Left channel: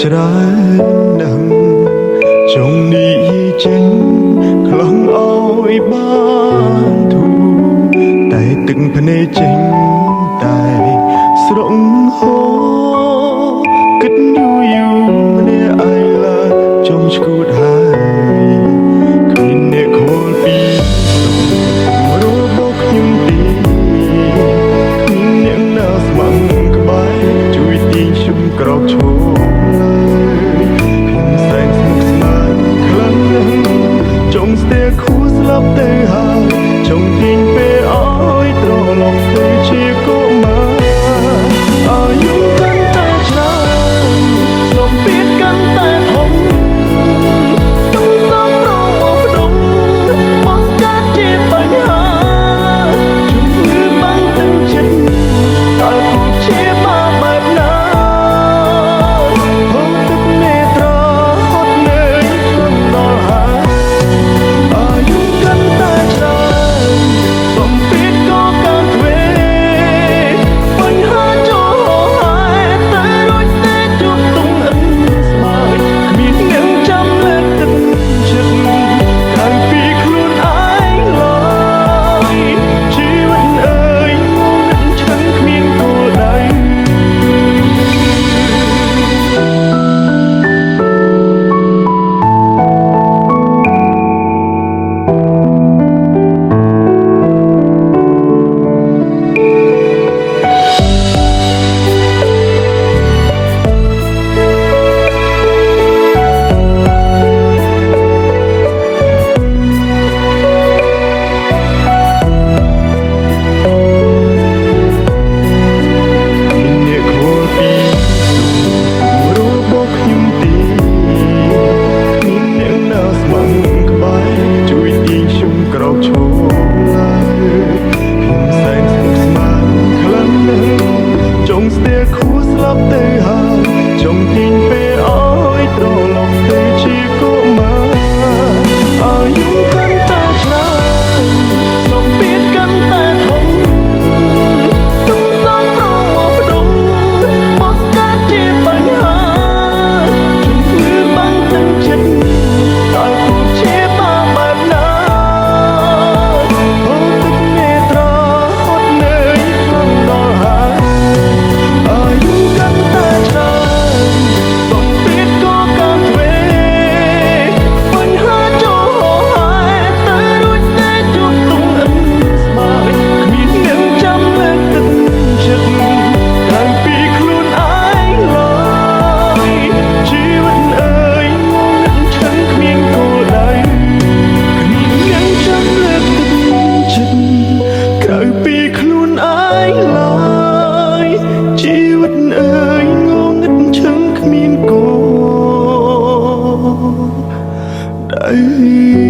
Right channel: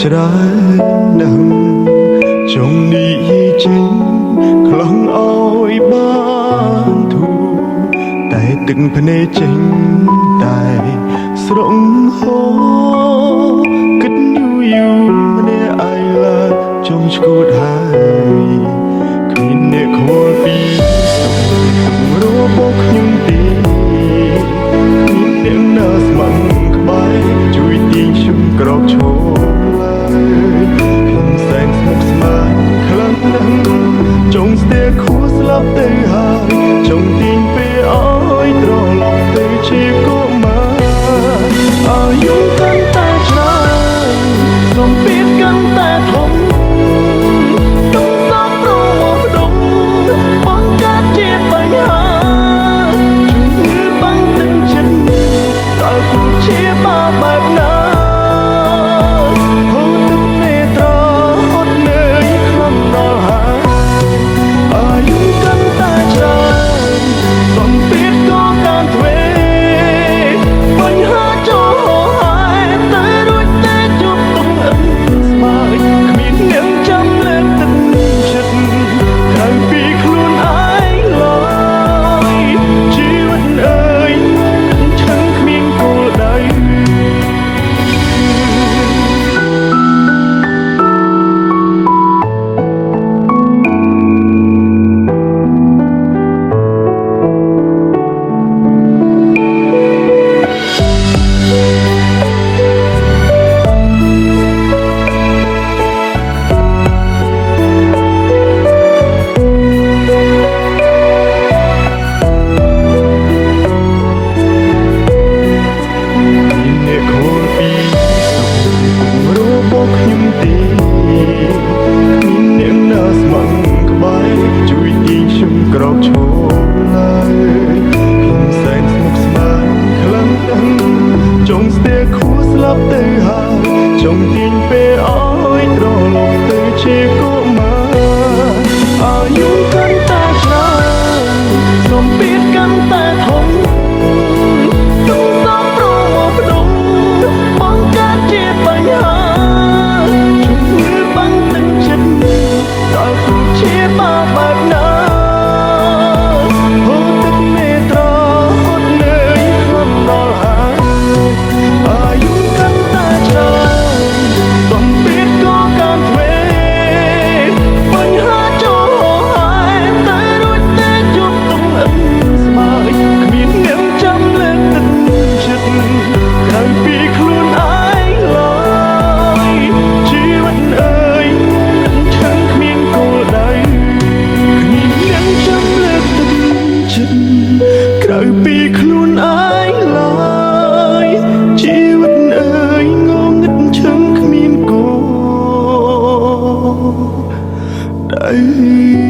ច្រើនណាស់ចង់និយាយចេញខ្លងអោយបានធូរតែទឹកភ្នែកចេញតែស្រងហោគិតយូរម្នាក់ឯងឡើយចំឈួតហើយគ្មានអ្នកខលពីសុខរបស់ខ្ញុំទេគ្មានអ្នកណាស្មឹងក្បែរជួយទាញខ្ញុំក្រោកឈរឡើយខ្ញុំសែនស្មុគស្មាញខ្លាំងណាស់ចង់ស្ទែខួរស្លាប់ទៅហើយចង់ទាញពេលអើយត្រឡប់ទៅជាកុមារអាយុកាន់តែច្រើនសម្ពាធកាន់តែធំต้องសងប្រមផ្ដុំបង្កើតជាបញ្ហាជំងឺបាំងទឹកចិត្តតើគួរព្យាបាលបែបណាហូរទឹកនេត្រាហត់នឿយខ្លាំងដល់ហើយអាយុកាន់តែច្រើនសម្ពាធក៏កាន់ទ្វេបញ្ហាចូលហោហាយតែរួចតែជួបទុំអិនស្បើយគ្មានអ្នកចាំលើកទឹកចិត្តក្រៅពីខ្លួនឯងឡើយជីវិតអើយងងឹតឈឹងគ្មានគោលដៅខ្ញុំទេគ្មានអ្នកណាស្មឹងក្បែរជួយទាញខ្ញុំក្រោកឈរឡើយខ្ញុំសែនស្មុគស្មាញខ្លាំងណាស់ចង់ស្ទែខួរស្លាប់ទៅហើយចង់ទាញពេលអើយត្រឡប់ទៅជាកុមារអាយុកាន់តែច្រើនសម្ពាធកាន់តែធំទុំសងប្រមផ្ដុំបង្កើតជាបញ្ហាបាំងទឹកចិត្តតើគួរព្យាបាលបែបណាហូរទឹកនេត្រាហត់នឿយខ្លាំងដល់ហើយអាយុកាន់តែច្រើនសម្ពាធក៏កាន់ទ្វេបញ្ហាចូលហោហាយតែរួចតែជួបទុំអិនស្បើយគ្មានអ្នកចាំលើកទឹកចិត្តក្រៅពីខ្លួនឯងឡើយជីវិតអើយគ្មានគោលដៅគ្មានអ្នកចាំលើកទឹកចិត្តក្រៅពីខ្លួនឯងឡើយជីវិតអើយងងឹតឈឹងគ្មានគោលដៅ